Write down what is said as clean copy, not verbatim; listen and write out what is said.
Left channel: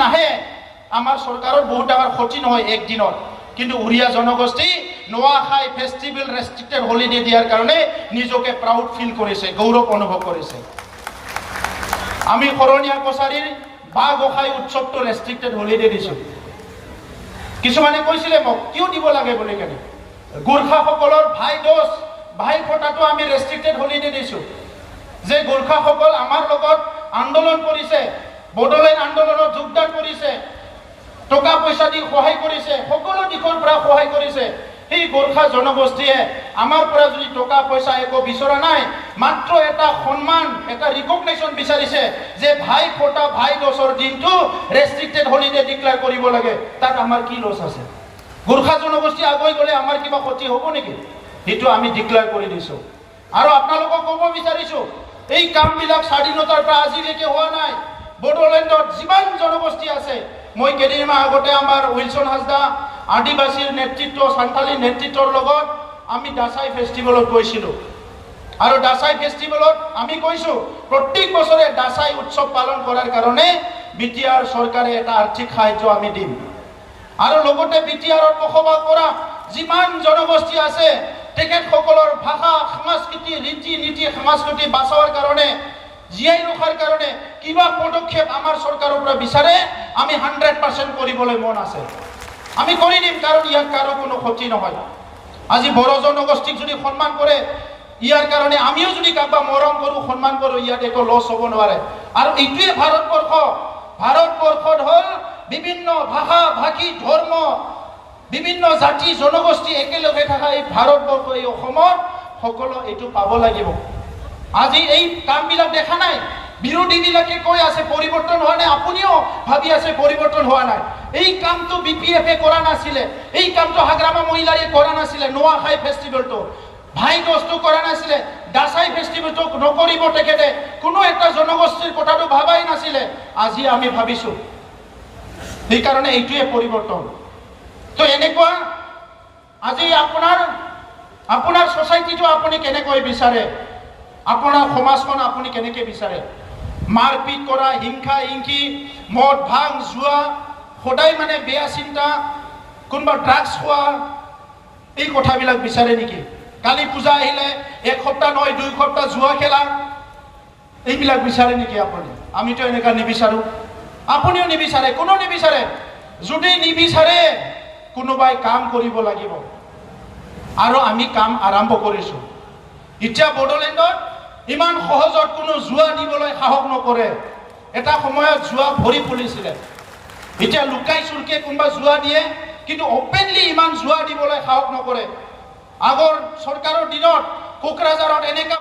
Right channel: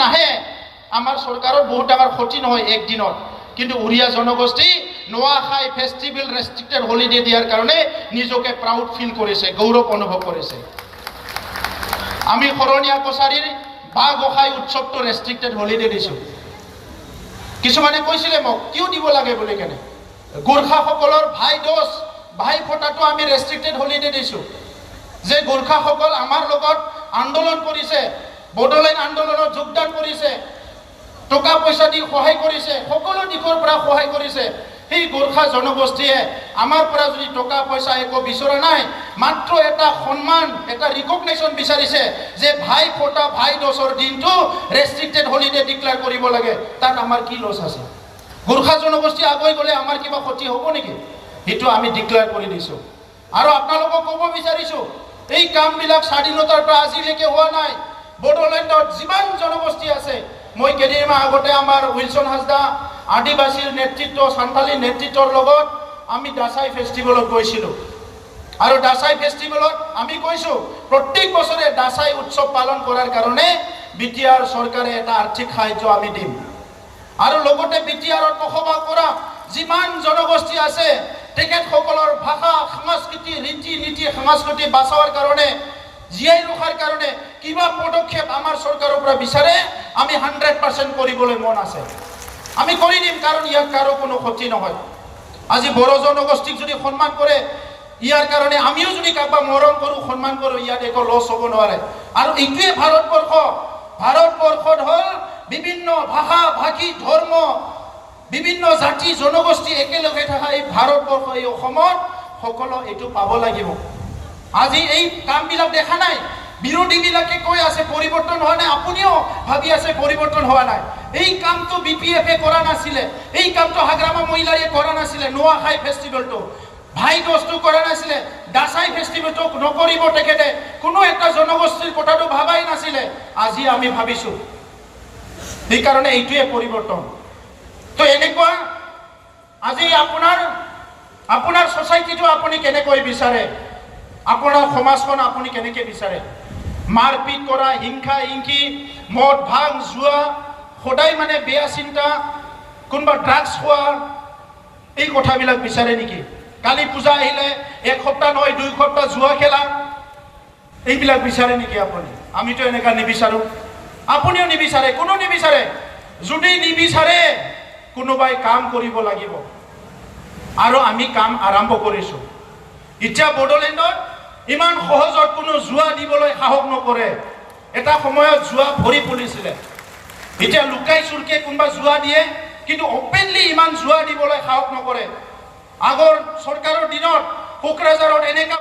নাহে আমাৰ চৰকাৰৰ বহুত ডাঙৰ ক্ষতি নহয় একদিনত, কিন্তু উৰিয়া জনগোষ্ঠী নোয়াখাই ফেষ্টিভেল ৰেষ্ট্ৰিক্টেড হলিডে দিয়াৰ কাৰণে নিজকে প্ৰাউড ফিল কৰিছে, গৌৰৱ অনুভৱ কৰিছে। আমি শৰণীয়া কছাৰীৰ বাঁহ গোসাঁই উৎসৱটো ৰেষ্ট্ৰিক্টেড হলিডে দিছোঁ। কিছুমানে কৈছিলে মোক কিয় দিব লাগে বুলি কেনে। গোৰ্খাসকলৰ ভাই দোষ ভাই ফোটাটো আমি ৰেষ্ট্ৰিক্টেড হলিডে দিছোঁ, যে গোৰ্খাসকল আমাৰ লগত আন্দোলন কৰিছে, বড়োলেণ্ড আন্দোলনত যোগদান কৰিছে, টকা পইচা দি সহায় কৰিছে, সকলো দিশৰ পৰা সহায় কৰিছে। সেই গোৰ্খা জনগোষ্ঠীয়ে আমাৰ পৰা যদি টকা পইচা একো বিচৰা নাই, মাত্ৰ এটা সন্মান, এটা ৰিকগনেশ্যন বিচাৰিছে যে ভাই ফোটা ভাই দোষৰ দিনটো ৰেষ্ট্ৰিক্টেড হলিডে ডিক্লেয়াৰ কৰিব লাগে। তাত আমাৰ কি লছ আছে? গোৰ্খা জনগোষ্ঠী আগুৱাই গ'লে আমাৰ কিবা ক্ষতি হ'ব নেকি? সেইটো আমি ডিক্লেয়াৰ কৰি দিছোঁ। আৰু আপোনালোকক ক'ব বিচাৰিছোঁ, এই কামবিলাক স্বাধীনতাৰ পৰা আজিলৈকে হোৱা নাই। বড়োলেণ্ডত যিমান জনগোষ্ঠী আছে, মই কেইদিনমান আগতে আমাৰ উইলছন হাজদা আদিবাসীৰ নেতৃত্ব, সান্থালী নেতৃত্বৰ লগত আমি দাসাই ফেষ্টিভেলত গৈছিলোঁ। আৰু দাসাই ফেষ্টিভেলত আমি কৈছোঁ প্ৰত্যেক বছৰে দাসাই উৎসৱ পালন কৰাৰ কাৰণে বিটিআৰ চৰকাৰে এটা আৰ্থিক সাহায্য আমি দিম। আৰু লগতে বিটিআৰত বসবাস কৰা যিমান জনগোষ্ঠী আছে তেখেতসকলৰ ভাষা, সংস্কৃতি, ৰীতি নীতি, সংস্কৃতি বচাওয়াৰ কাৰণে, জীয়াই ৰখাৰ কাৰণে কিবা পদক্ষেপ আমাৰ চৰকাৰৰ পৰা বিচাৰে, আমি 100% কৰিবলৈ মন আছে। আমি কৰি দিম, কাৰণ ইয়াৰ কাৰো কোনো ক্ষতি নহয়। আজি বড়ো জনগোষ্ঠীক যদি সন্মান কৰে, ইয়াৰ কাৰণে আমিও যদি কাৰোবাক মৰম কৰোঁ, সন্মান কৰোঁ, ইয়াত একো লছ হ'ব নোৱাৰে। আৰু এইটোৱে ভাৰতবৰ্ষ। ভাৰতবৰ্ষত হ'ল বিভিন্ন ভাষা ভাষী, ধৰ্ম, বিভিন্ন জাতি জনগোষ্ঠী একেলগে থকা এই ভাৰতবৰ্ষ, এই অসমত সকলো এইটো পাব লাগিব। আজি এই কামবিলাক দেখা নাই, বিৰোধীবিলাকে কৈ আছে পৰিৱৰ্তন হোৱা নাই, আপুনিও ভাবি আছে পৰিৱৰ্তন হোৱা নাই। এই কামটো BPF-এ কৰা নাছিলে, এই কামটো হাগ্ৰামা মহিলাৰে কৰা নাছিলে, নোয়াখাই ফেষ্টিভেলটো ভাই দোষটো কৰা নাছিলে, দাসাই ফেষ্টিভেলটো নকৰিব তেখেতে, কোনো এটা জনগোষ্ঠীৰ কথাটো ভাবাই নাছিলে। আজি আমি ভাবিছোঁ, সেইকাৰণে এইটোৱে পৰিৱৰ্তন। তো এনেকুৱা আজি আপোনাৰ ছ'চাইটিটো আপুনি কেনেকৈ বিচাৰে, আপোনাৰ সমাজখন আপুনি কেনেকৈ বিচাৰে? মাৰপিট কৰা, হিংসা হিংসি, মদ ভাং জুৱা, সদায় মানে বেয়া চিন্তা, কোনোবা ড্ৰাগছ খোৱা, এই কথাবিলাক বিচাৰে নেকি? কালী পূজা আহিলে এক সপ্তাহ নহয় 2 সপ্তাহ জুৱা খেলা, এইবিলাক বিচাৰে নেকি আপুনি? আমিতো এনেকুৱা নিবিচাৰোঁ, আপুনিও নিবিচাৰে, কোনো নিবিচাৰে। যদি নিবিচাৰে কোনোবাই কাম কৰিব লাগিব, আৰু আমি কাম আৰম্ভ কৰিছোঁ। এতিয়া বড়োলেণ্ডত ইমান সহজত কোনো জুৱা দিবলৈ সাহস নকৰে। এটা সময়ত জুৱা ভৰি পৰিছিলে, এতিয়া লুকাই চুৰকে কোনোবা জুৱা দিয়ে, কিন্তু অপেনলি ইমান জুৱা দিবলৈ সাহস নকৰে। আগৰ চৰকাৰৰ দিনত কোকৰাঝাৰত এনেকা